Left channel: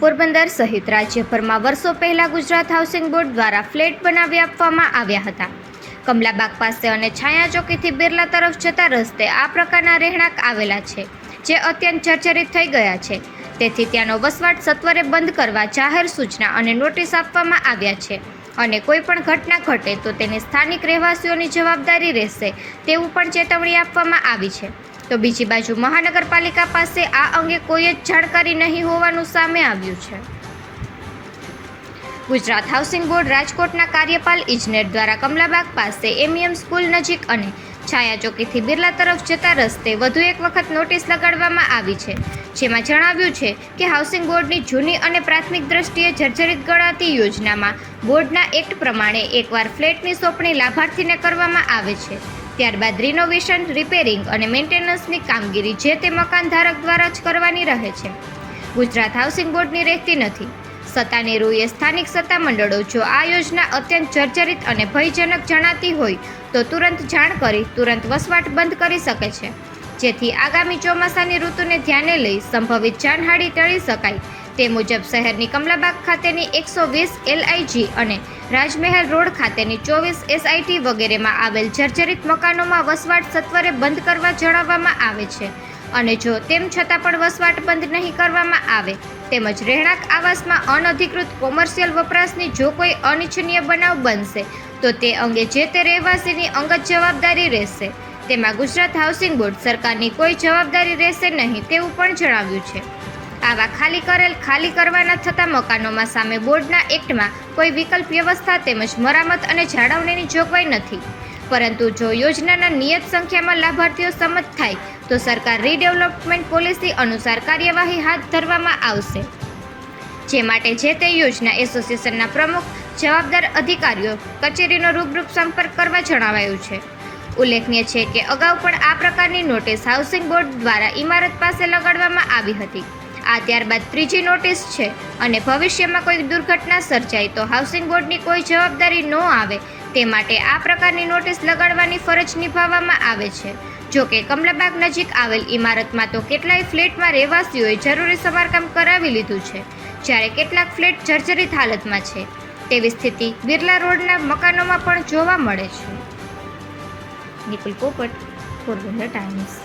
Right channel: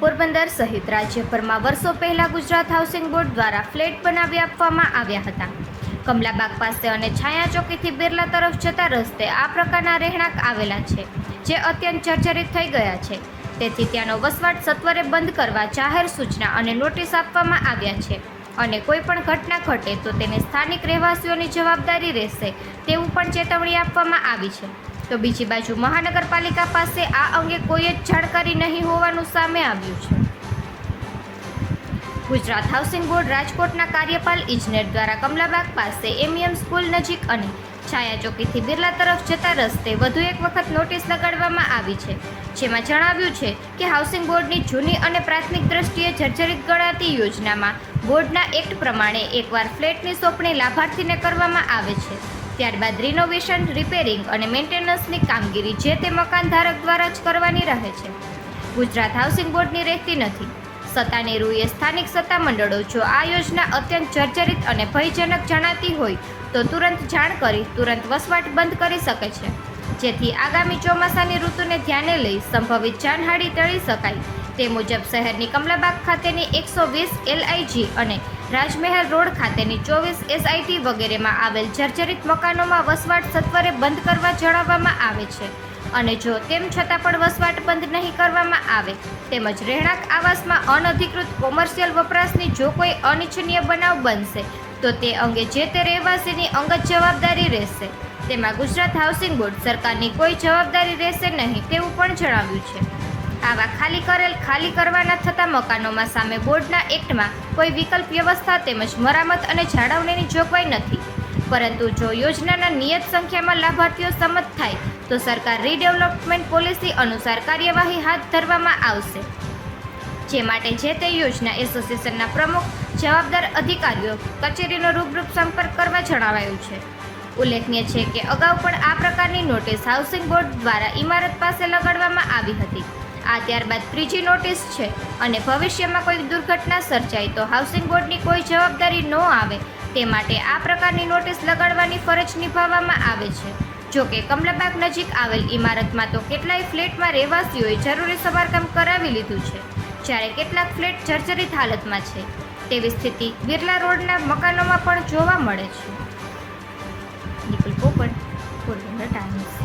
પોરબંદર સહિત રાજ્યભરમાં વર્ષો પહેલા ગુજરાત હાઉસિંગ બોર્ડ દ્વારા ફ્લેટ બનાવી આપવામાં આવ્યા હતા. કમલાબાગ પાસે અને છાયા ચોકીથી બિરલા તરફ જતા રસ્તે આ પ્રકારના રહેણાંક આવેલા છે, જે અત્યંત જર્જરિત થઈ ગયા છે. તેથી ત્યાંનો વસવાટ સત્વરે બંધ કરવા જાહેર સૂચના અને નોટિસ આપવામાં આવ્યા છે અને કોઈ પણ ઘટના ઘટે તો તેની સ્થાનિક રહેવાસીઓની જવાબદારી રહેશે તેવું પણ ચેતવણી આપવામાં આવી છે. તો બીજી બાજુ મહાનગરપાલિકા પાસે આ અંગે કોઈ જ જાણકારી નહીં હોવાનું સામે આવ્યું છે. ગુજરાત હાઉસિંગ બોર્ડ રાજકોટના કાર્યપાલ ઇજનેર દ્વારા કમલાબાગ પાસે એમએમ સ્કૂલ નજીક અને છાયા ચોકીથી બિરલા તરફ જતા રસ્તે વધુ એક વખત નોટિસ લગાડવામાં આવી છે, જેમાં જણાવ્યું છે કે હાઉસિંગ બોર્ડની જૂની અને પ્રાથમિક દ્રષ્ટિએ જર્જરિત ગણાતી યોજનામાં બોર્ડના એક્ટ પ્રમાણે એકવાર ફ્લેટની સોંપણી લાભાર્થીને કરવામાં આવે છે, ત્યારબાદ રિનોવેશન, રિપેરિંગ અને મેન્ટેનન્સની કામગીરી જે તે મકાન ધારક દ્વારા જ કરવાની રહે છે. ગુજરાત હાઉસિંગ બોર્ડની રહેતી નથી. સત્તાની રૂએ સ્થાનિક સત્તામંડળો જો આ યોજના અત્યંત જર્જરિત અને ભયજનક જણાતી હોય તો તુરંત જાણ કરી તુરંત વસવાટ બંધ કરી શકે છે, જેથી આગામી ચોમાસાની ઋતુને ધ્યાને લઈ સંભવિત જાનહાનિ ટાળી શકાય. તે મુજબ શહેરની કમલાબાગ ખાતેની 120 LIG અને રાજમહેલ રોડ ખાતેની 24 SIT વગેરેમાં આવેલ જર્જરિત મકાનોમાં વસવાટ સત્વરે બંધ કરવા જણાવવામાં આવે છે અને જો તેમ છતાં પણ વસવાટ બંધ નહીં કરવામાં આવે તેમજ રહેણાંક આવાસમાં અનધિકૃત કોમર્શિયલ વપરાશની જો કોઈ અનિચ્છનીય બનાવ બનશે તો તે અંગે જે તે રહેવાસીની અંગત જવાબદારી રહેશે. તેમાં ગુજરાત હાઉસિંગ બોર્ડ સરકારની કોઈ જવાબદારી રહેશે નહીં તેવું પણ જણાવ્યું છે. આવા ખાલી કરવાના થતા મકાનોમાં સામે બોર્ડના એક્ટમાં કોઈ વિકલ્પ વ્યવસ્થા તેમજ મરામત અને જાળવણીની જોગવાઈ નથી, પરંતુ જો યોજનાના નિયત સંખ્યામાં લાભાર્થીઓ સંમત થાય તો સરકાર રીડેવલપમેન્ટ પોલિસી અનુસાર કાર્યવાહી હાથ ધરવામાં આવશે, જે માટે જે તે યોજના એસોસિએશનના પ્રમુખ જવાબદાર અધિકારીઓ કચેરીનો રૂબરૂ સંપર્ક કરવા જણાવાયું છે. ઉલ્લેખનીય છે કે અગાઉ પણ આ પ્રકારની નોટિસ હાઉસિંગ બોર્ડ દ્વારા ઇમારત પાસે લગાડવામાં આવી હતી. આ ત્યારબાદ ત્રીજી નોટિસ છે અને ભવિષ્યમાં કોઈ દુર્ઘટના સર્જાય તો હાઉસિંગ બોર્ડની કોઈ જવાબદારી ન આવે તે માટે આ પ્રકારની નોટિસ લગાડવાની ફરજ નિભાવવામાં આવે છે. જો કે કમલાબાગ નજીક આવેલ ઇમારતમાં તો કેટલાય ફ્લેટમાં રહેવાસીઓએ જરૂરી સમારકામ કરાવી લીધું છે, જ્યારે કેટલાક ફ્લેટ જર્જરિત હાલતમાં છે. તેવી સ્થિતિ બિરલા રોડના મકાનોમાં પણ જોવા મળે છે. નિકુલ પોપટ, પોરબંદર ટાઈમ્સ.